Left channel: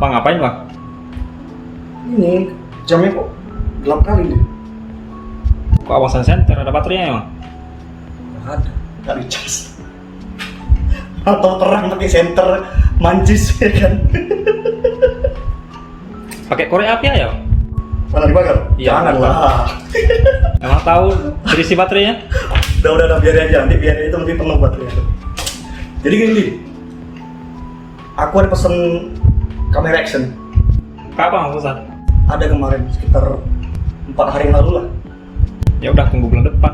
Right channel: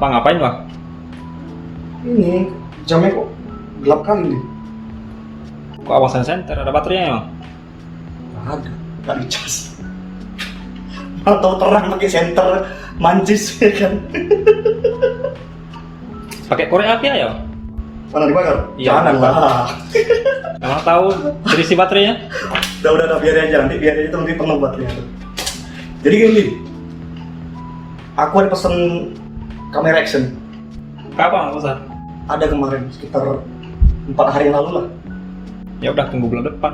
Bang, ngapain bang? Ini jamnya kok gelap kali nih. Kok awasan senter, ada baterainya bang? Nggak ada, nggak dicas. Atau terang pakai senter mancis ya kan? Pakai korek api aja bang? Mana dibakar? Iya, Jangan dibakar. lah. Emang tahu berisi baterainya? Udah biarin aja, nanti biarin itu nanti penuh baterainya tuh. Jadi gini, aku ada pesen kamera action. Kapan susah? Ada kemarin sekitar 4 hari yang lalu lah. Ya udah tunggu bulan depan.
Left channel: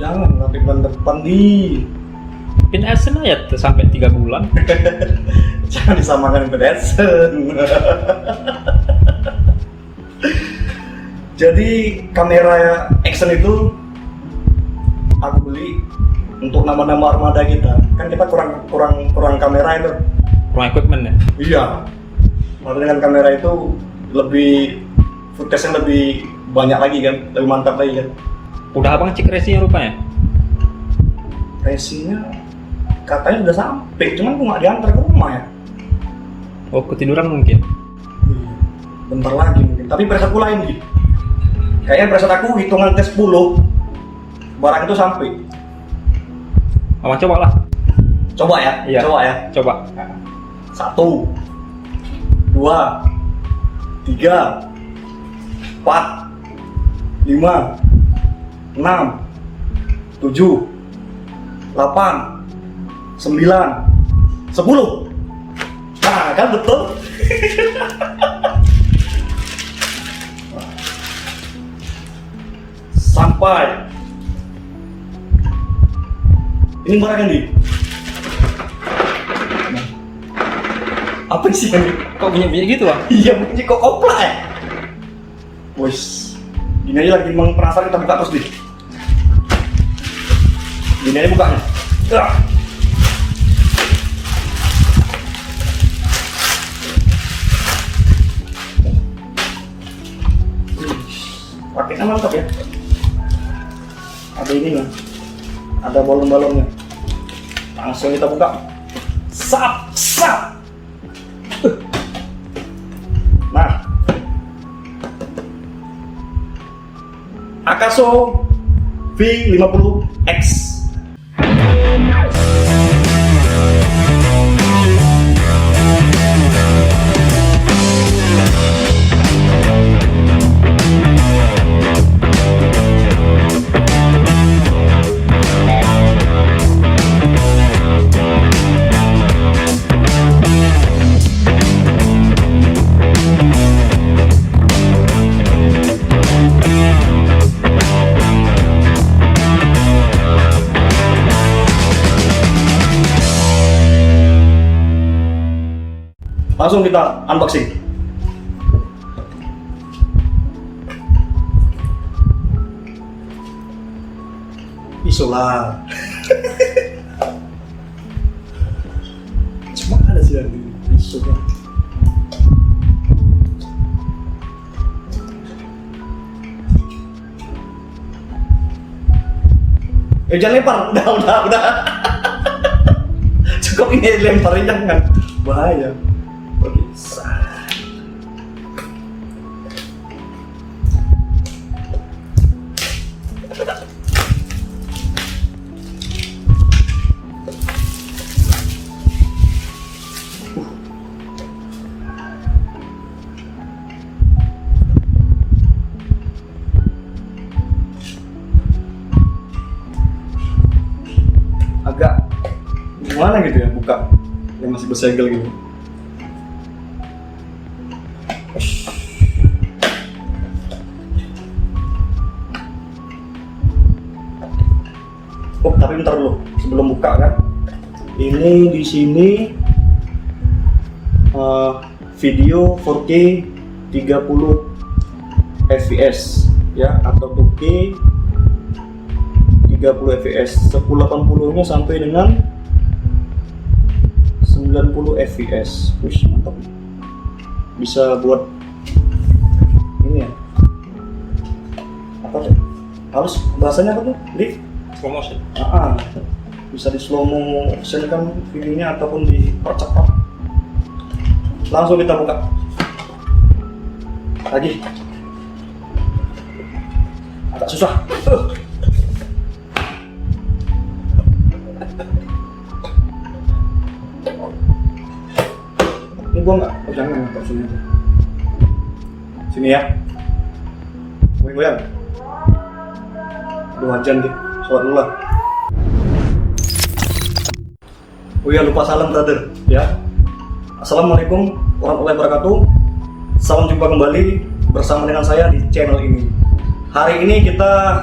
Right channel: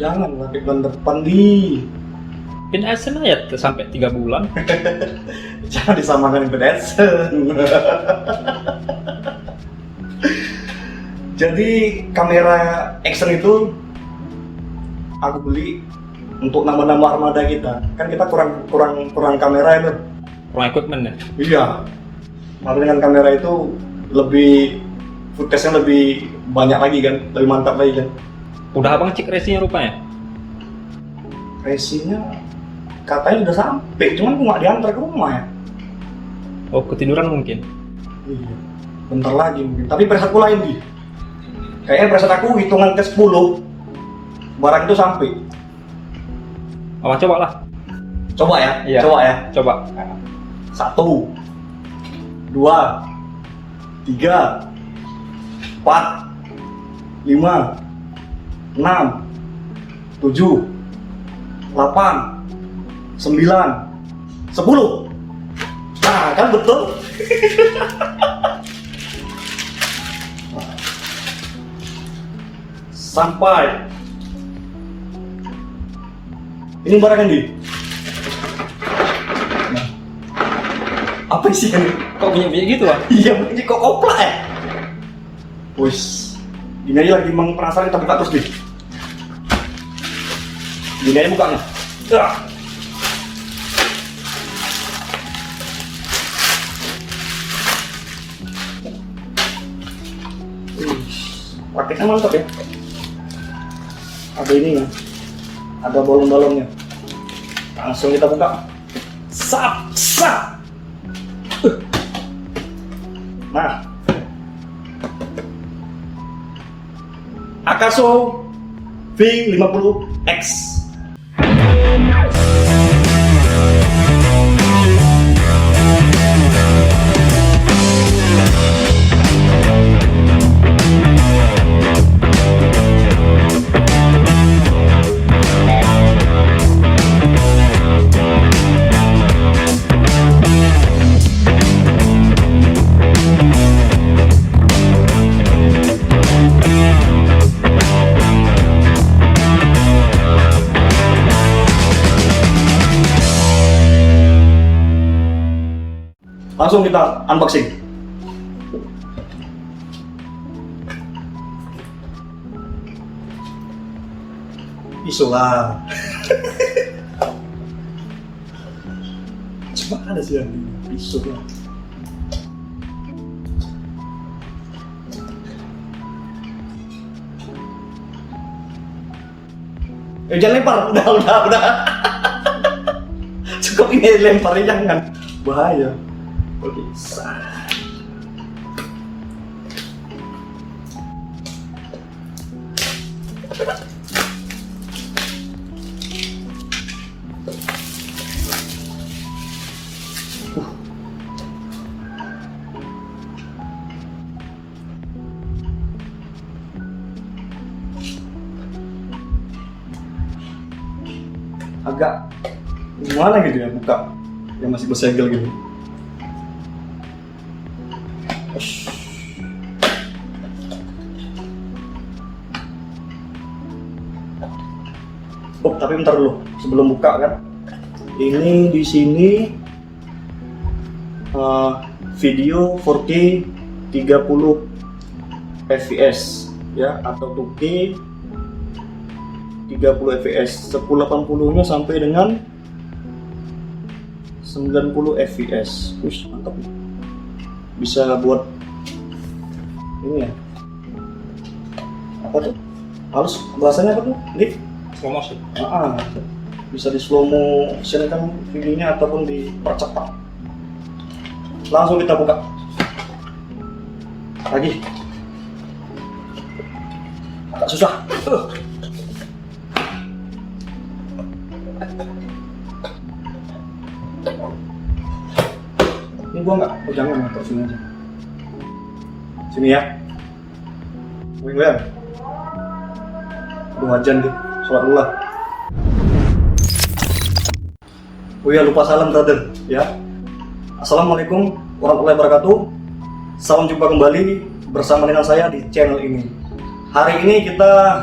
Jangan nanti bulan depan di. Pin Adsense aja tuh sampai 3 bulan. Jangan disamakan dengan Adsense. Jadi kamera action itu aku beli untuk nama-nama armada kita. Kan kita kurang kamera itu. Kurang equipment ya? Iya. Lalu dengan kamera itu lebih footage-nya lebih banyak lagi kan, lebih mantap lagi kan. Udah abang cek resinya rupanya? Resinya katanya udah sampai, cuman aku nggak diantar ke rumah ya. Oh, ketiduran mungkin? Iya. Bentar lagi mungkin. Tapi preset aku lain di. Kayaknya preset aku hitungan ke 10 barang itu sampai. Abang coba lah. Coba ya, Iya. coba ya. Coba. 1, 2, 3, 4, 5, 6, 7, 8, 9, 10. Nah, kan betul. Sampai. Ini barang yang di. Nah. Apa isinya nih? Kok bunyi-bunyi gitu bang? Iya, bunyi kok koplak ya? Wis, gini aja lagi emang penasaran, kita buka terus deh. Gini aja bukanya. Ah. Paketnya mantap ya. Ada ini ya, ada balon-balonnya. Langsung kita buka. Sap, sap. Nah, Akaso V50X. Langsung kita unboxing. Pisau lah. Cuma ada sih yang pisau lah. Jangan lempar, udah. Cukup ini lemparin, jangan, bahaya. Oke, agak gimana gitu ya buka yang masih bersegel gitu. Oh, tapi bentar dulu sebelum buka kan. Ini di sini video 4K 30 fps ya, atau 2K 30 fps. 1080-nya sampai dengan 90 fps. Wih, mantap nih. Bisa buat ini ya. Apa tuh? Halus bahasanya apa tuh? Lift? Slow motion. Bisa di slow motion kan videonya ataupun dipercepat. langsung kita buka lagi. Agak susah. Ini gua nggak, oh jangan, taruh sini aja. Sini ya. Goyang-goyang. Aduh, wajan deh. Sholat dulu lah. Oh iya, lupa salam brother ya. Assalamualaikum warahmatullahi wabarakatuh. Salam jumpa kembali bersama dengan saya di channel ini. Hari ini kita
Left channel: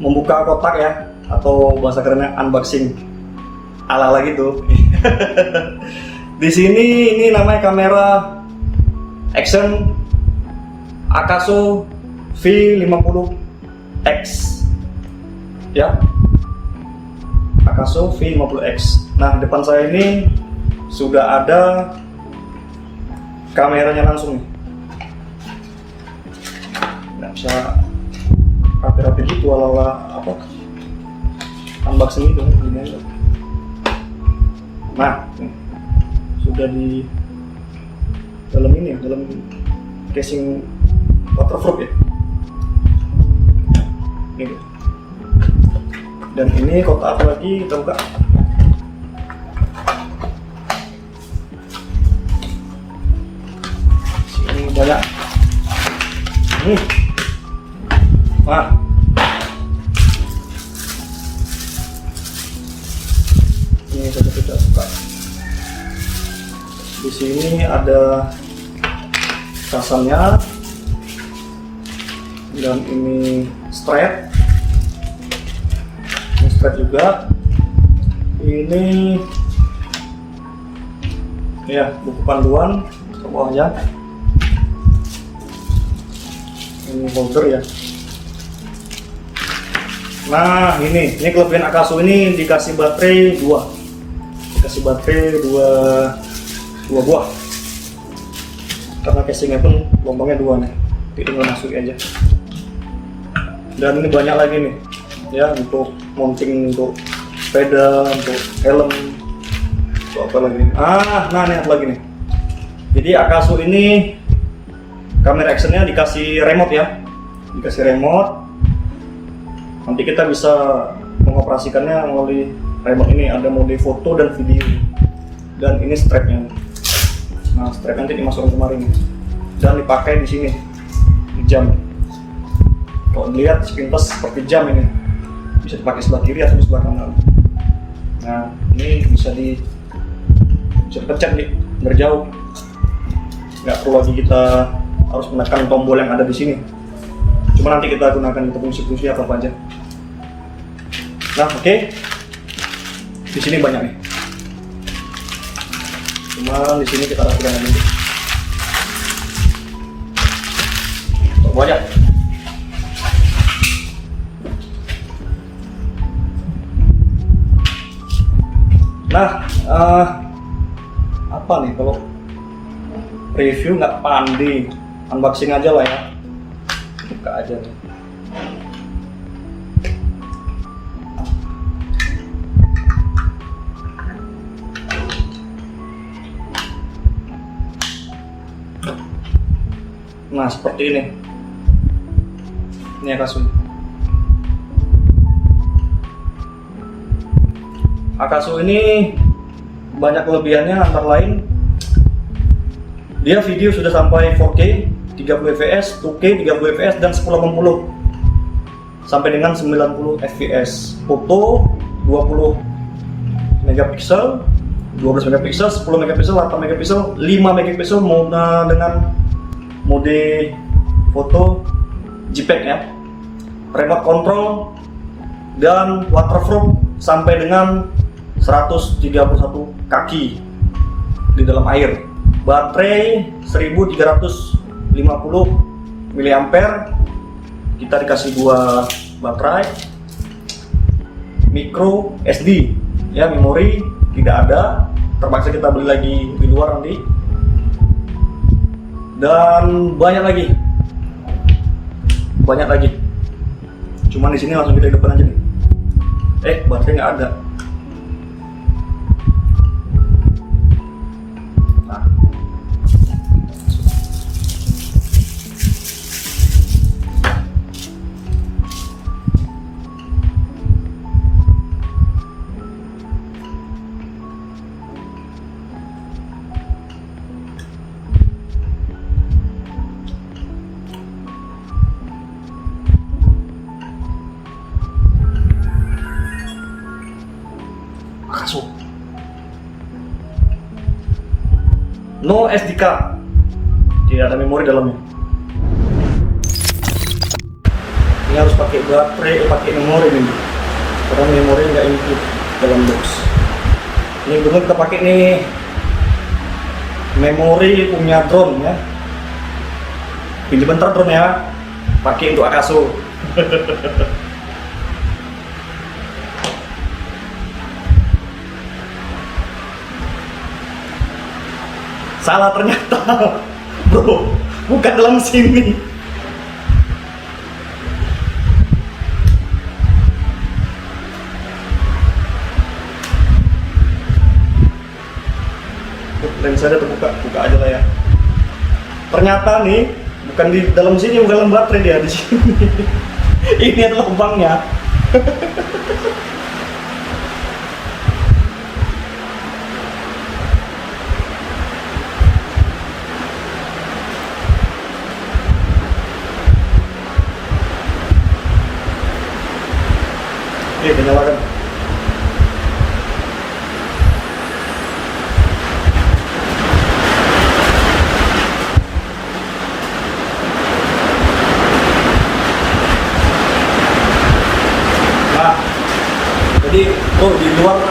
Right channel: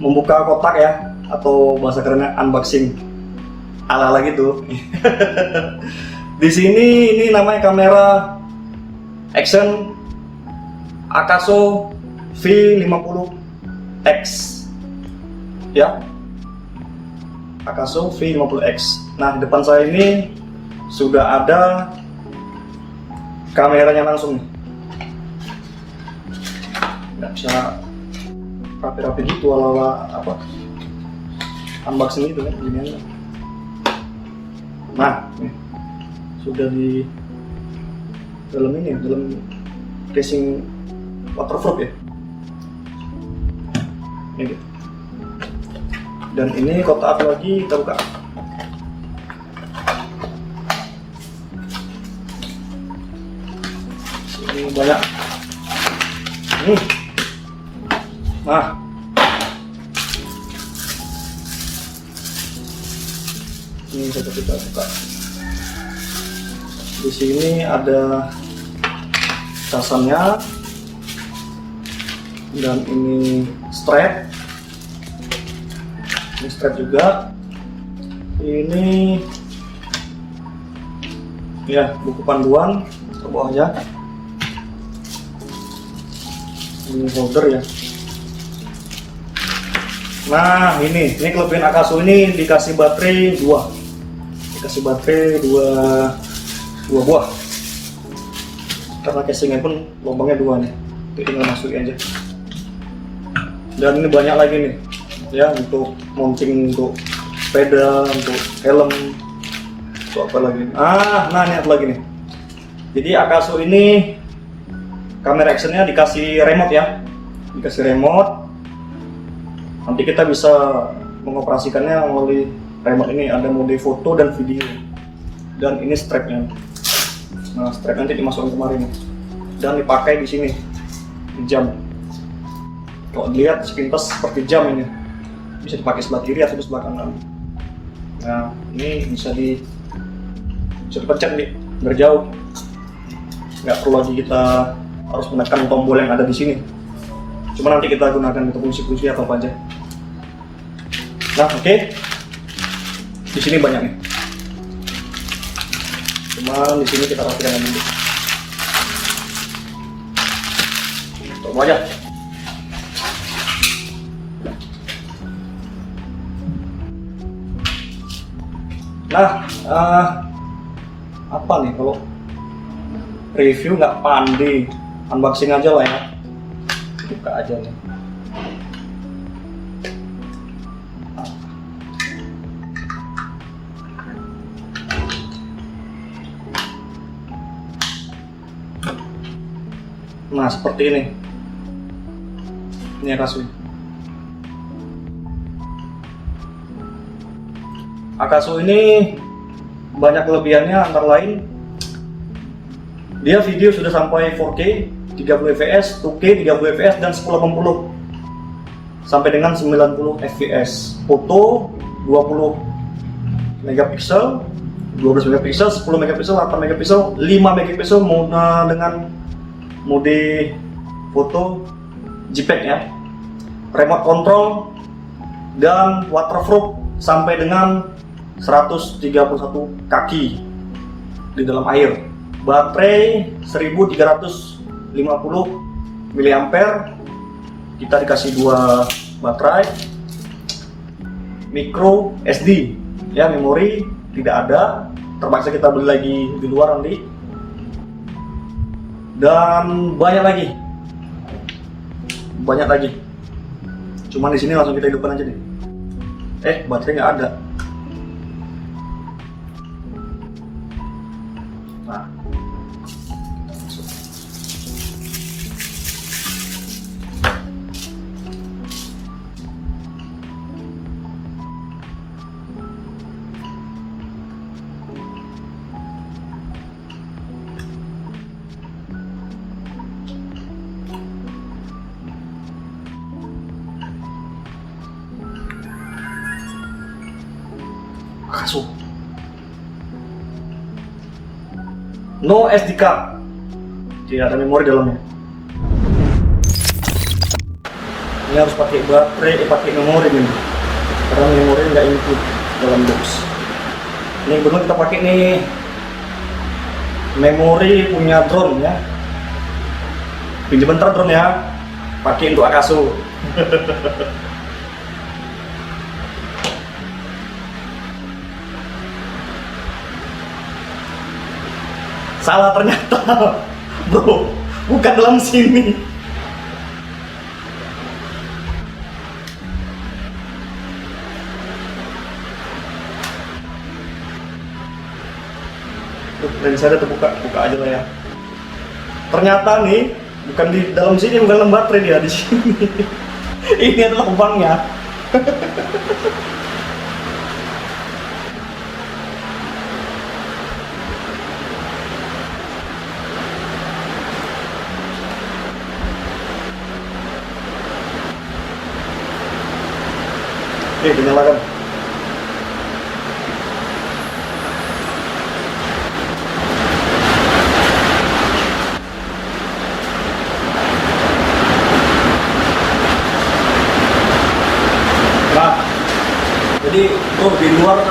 membuka kotak ya, atau bahasa kerennya unboxing ala-ala gitu. Di sini ini namanya kamera action Akaso V50X ya, Akaso V50X. Nah, di depan saya ini sudah ada kameranya langsung nih. Nggak bisa rapi-rapi gitu ala-ala apa unboxing itu kan begini aja. Nah, nih sudah di dalam ini, dalam casing waterproof ya. Ini. Dan ini kotak apa lagi, kita buka. Sini banyak. Nah, ini kita buka. Di sini ada casannya, dan ini strap. Ini strap juga. Ini ya buku panduan ke bawahnya. Ini holder ya. Nah, ini kelebihan Akaso ini dikasih baterai 2. Dikasih baterai 2 buah. Karena casingnya pun lubangnya 2 nih. Tinggal masukin aja. Dan ini banyak lagi nih. Ya, untuk mounting untuk sepeda, untuk helm, untuk apa lagi? Nah ini apa lagi nih? Jadi Akaso ini kamera actionnya dikasih remote ya, dikasih remote. Nanti kita bisa mengoperasikannya melalui remote ini. Ada mode foto dan video. Dan ini strapnya. Nah, strap nanti dimasukkan kemarin nih. Dan dipakai di sini, di jam. Kalau dilihat sepintas seperti jam ini. Bisa dipakai sebelah kiri atau sebelah kanan. Nah, ini bisa dipencet nih dari jauh. Nggak perlu lagi kita harus menekan tombol yang ada di sini. Cuma nanti kita gunakan untuk fungsi-fungsi apa aja. Nah, oke. Di sini banyak nih. Cuma di sini kita rapikan lagi. Coba aja. Nah, apa nih kalau review nggak pandai, unboxing aja lah ya. Buka aja nih. Nah, seperti ini. Ini Akaso. Akaso ini banyak kelebihannya, antara lain dia video sudah sampai 4K 30 fps, 2K 30 fps, dan 1080 sampai dengan 90 fps. Foto 20 megapiksel, 12 megapiksel, 10 megapiksel, 8 megapiksel, 5 megapiksel dengan mode foto JPEG ya. Remote control dan waterproof sampai dengan 131 kaki di dalam air. Baterai 1350 mAh. Kita dikasih 2 baterai. Micro SD ya, memori tidak ada, terpaksa kita beli lagi di luar nanti. Dan banyak lagi. Cuman di sini langsung kita hidupkan aja nih. Baterai nggak ada. Nah, Akaso. No SD card, tidak ada memori dalamnya. Ini harus pakai baterai, pakai memori nih, karena memori nggak include dalam box. Ini betul kita pakai nih memori punya drone ya. Pinjam bentar drone ya, pakai untuk Akaso. Salah ternyata, bro, bukan dalam sini. Lensa ada terbuka, buka aja lah ya. Ternyata nih, bukan di dalam sini, bukan dalam baterai dia di sini. Ini adalah lubangnya. Oke, kita nyalakan. Nah, jadi di luar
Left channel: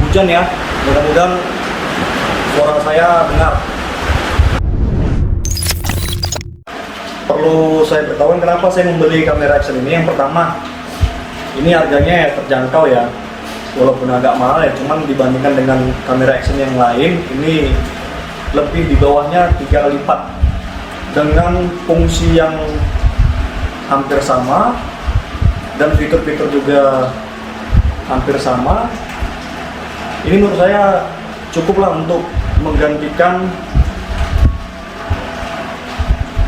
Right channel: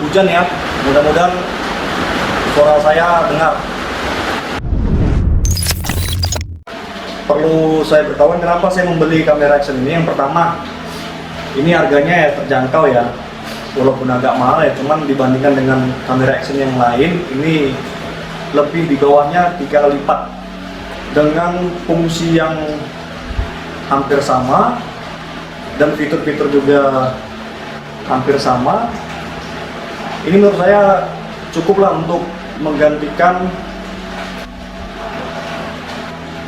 hujan ya, mudah-mudahan suara saya dengar. Perlu saya beritahu kenapa saya membeli kamera action ini. Yang pertama, ini harganya ya terjangkau ya, walaupun agak mahal ya, cuman dibandingkan dengan kamera action yang lain, ini lebih di bawahnya 3 kali lipat dengan fungsi yang hampir sama dan fitur-fitur juga hampir sama. Ini menurut saya cukuplah untuk menggantikan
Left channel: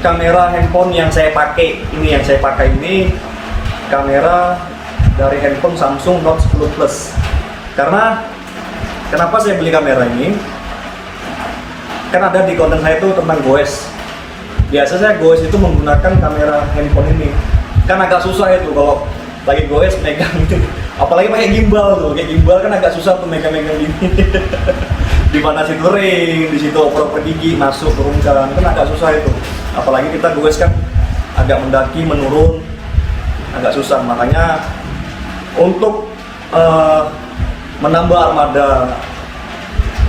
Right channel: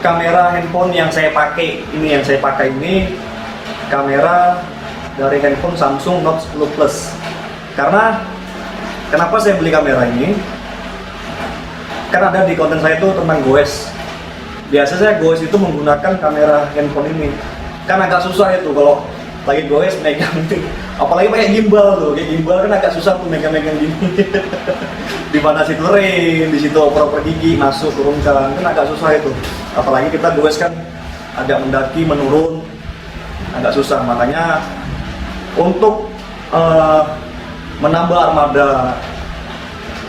kamera handphone yang saya pakai. Ini yang saya pakai ini kamera dari handphone Samsung Note 10 Plus. Karena kenapa saya beli kamera ini? Kan ada di konten saya itu tentang goes. Biasa saya goes itu menggunakan kamera handphone ini. Kan agak susah itu kalau lagi goes megang gitu. Apalagi pakai gimbal tuh, kayak gimbal kan agak susah tuh megang-megang gini. Di mana situ ring, di situ oper-oper gigi masuk turunkan, kan agak susah itu. Apalagi kita goes kan agak mendaki menurun, agak susah. Makanya untuk menambah armada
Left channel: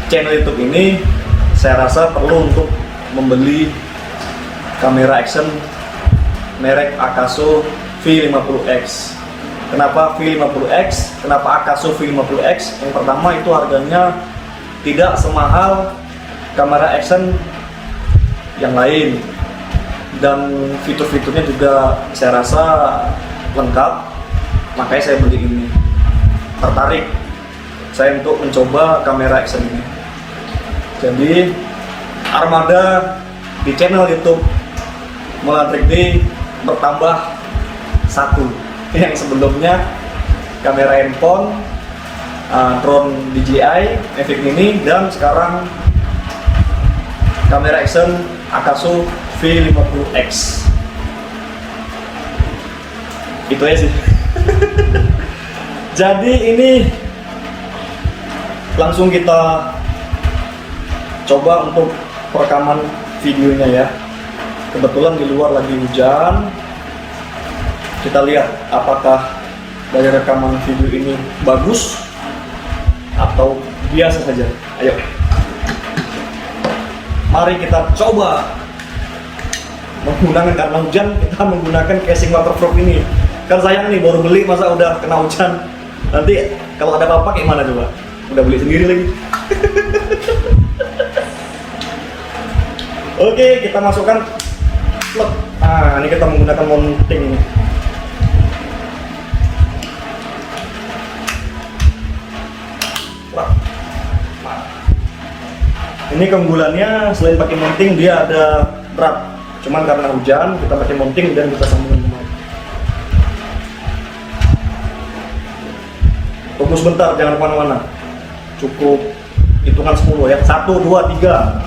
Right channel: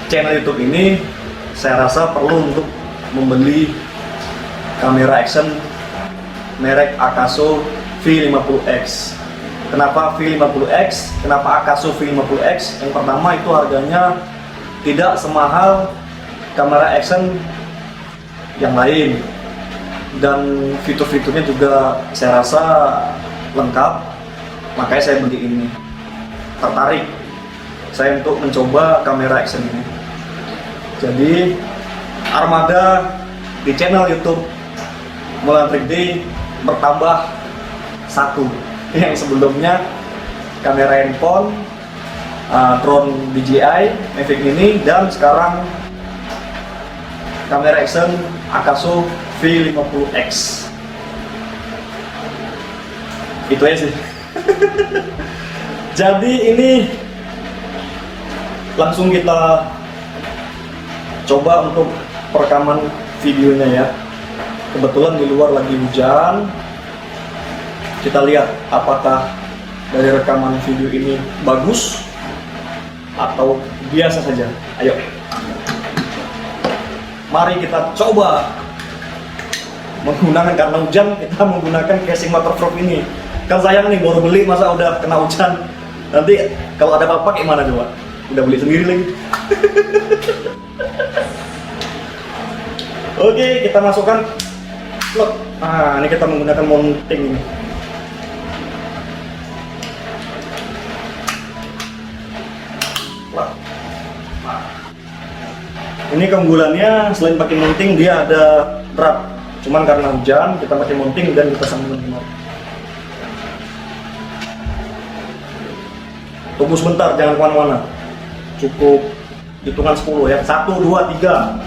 channel YouTube ini, saya rasa perlu untuk membeli kamera action merek Akaso V50X. Kenapa V50X? Kenapa Akaso V50X? Yang pertama itu harganya tidak semahal kamera action yang lain, dan fitur-fiturnya juga saya rasa lengkap. Makanya saya beli ini, tertarik saya untuk mencoba kamera action ini. Jadi armada di channel YouTube Mulan Trik bertambah satu. Yang sebelumnya kamera handphone, drone DJI Mavic Mini, dan sekarang kamera action Akaso V50X. Itu aja sih. Jadi ini langsung kita coba untuk perekaman videonya ya. Kebetulan di luar lagi hujan. Kita lihat apakah dari rekaman video ini bagus atau biasa saja. Ayo, mari kita coba menggunakan, karena hujan kita menggunakan casing waterproof ini. Kan sayang nih, baru beli masa udah kena hujan. Nanti kalau ada apa-apa kayak mana coba? Udah beli sendiri lagi. Oke, kita masukkan plug. Nah, ini kita menggunakan mounting ini. Ini keunggulannya selain pakai mounting dia ada berat. Cuman karena hujan kita pakai mounting dan kita sambungkan kembali. Tunggu sebentar, jangan kemana-mana. Cukup hitungan 10 ya. 1, 2, 3.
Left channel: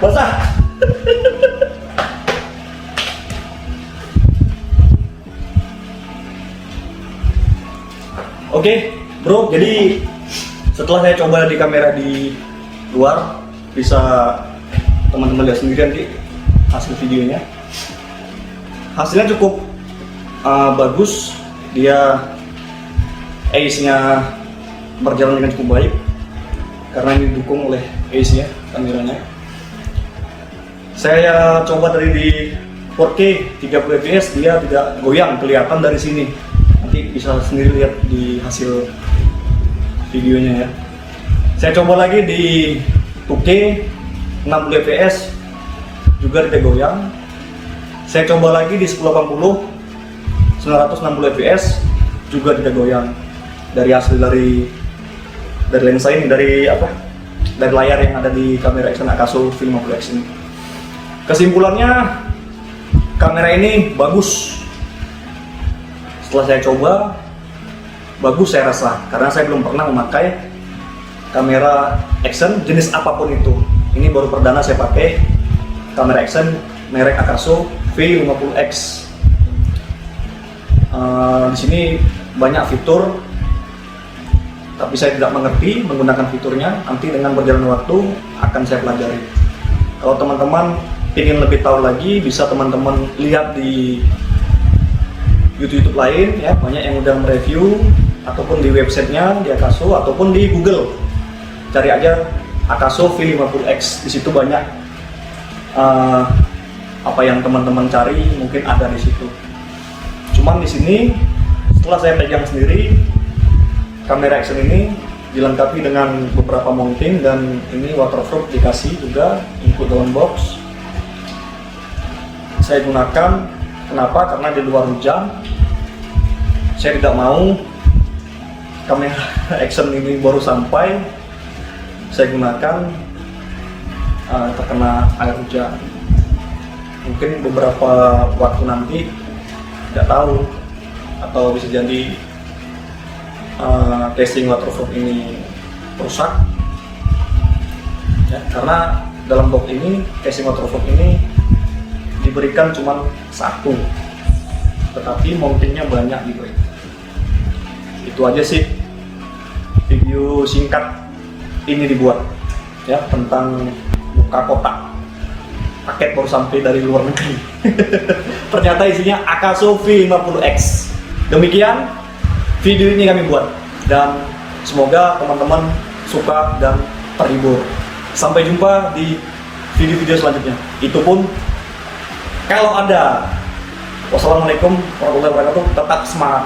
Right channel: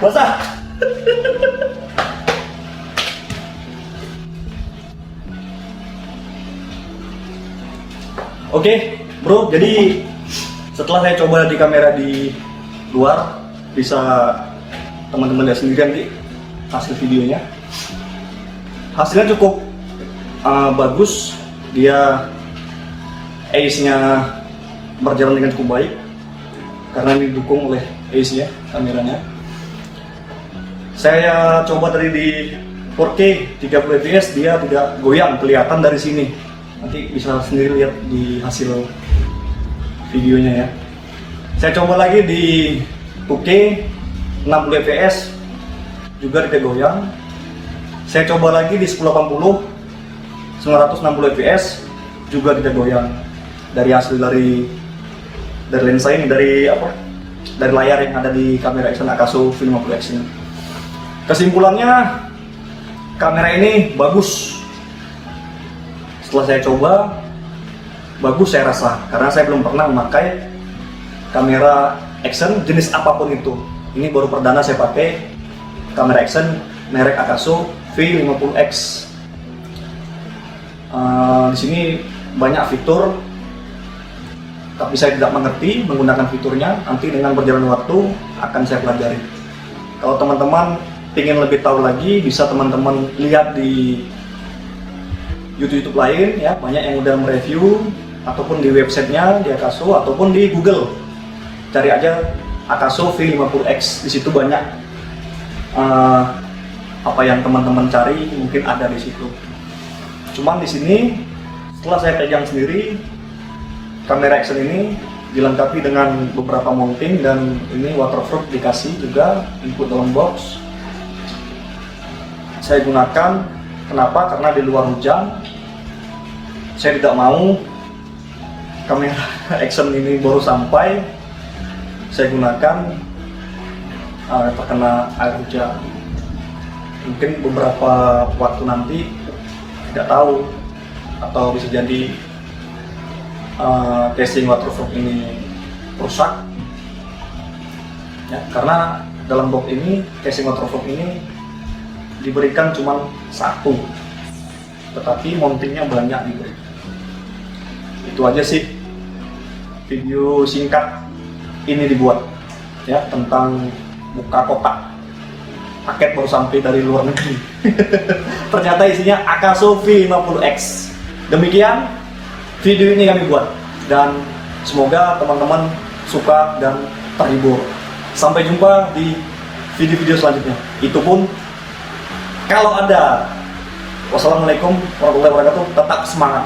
Basah. Oke, bro. Jadi setelah saya coba di kamera di luar, bisa teman-teman lihat sendiri nanti hasil videonya. Hasilnya cukup bagus. Dia ace-nya berjalan dengan cukup baik karena ini didukung oleh ace-nya kameranya. Saya coba tadi di 4K 30 fps, dia tidak goyang, kelihatan dari sini. Nanti bisa sendiri lihat di hasil videonya ya. Saya coba lagi di 2K 60 fps, juga tidak goyang. Saya coba lagi di 1080 960 fps, juga tidak goyang. Dari hasil dari lensa ini, dari layar yang ada di kamera Ixon Akaso V50X ini. Kesimpulannya, kamera ini bagus. Setelah saya coba, bagus saya rasa, karena saya belum pernah memakai kamera Ixon jenis apapun itu. Ini baru perdana saya pakai kamera Ixon merek Akaso V50X. Di sini banyak fitur, tapi saya tidak mengerti menggunakan fiturnya. Nanti dengan berjalan waktu akan saya pelajari. Kalau teman-teman ingin lebih tahu lagi, bisa teman-teman lihat di YouTube lain ya, banyak yang udah mereview, ataupun di websitenya di Akaso, ataupun di Google. Cari aja Akaso V50X, di situ banyak apa yang teman-teman cari mungkin ada di situ. Cuman di sini setelah saya pegang sendiri, kamera Ixon ini dilengkapi dengan beberapa mounting, dan ini waterproof dikasih juga input dalam box. Saya gunakan, kenapa? Karena di luar hujan. Saya tidak mau kamera Ixon ini baru sampai saya gunakan terkena air hujan. Mungkin beberapa waktu nanti, tidak tahu, atau bisa jadi casing waterproof ini rusak ya, karena dalam box ini casing waterproof ini diberikan cuma satu, tetapi mountingnya banyak diberi. Itu aja sih video singkat ini dibuat ya, tentang buka kotak paket baru sampai dari luar negeri. Ternyata isinya Akaso V50X. Demikian video ini kami buat, dan semoga teman-teman suka dan terhibur. Sampai jumpa di video-video selanjutnya. Itu pun kalau ada. Wassalamualaikum warahmatullahi wabarakatuh. Tetap semangat.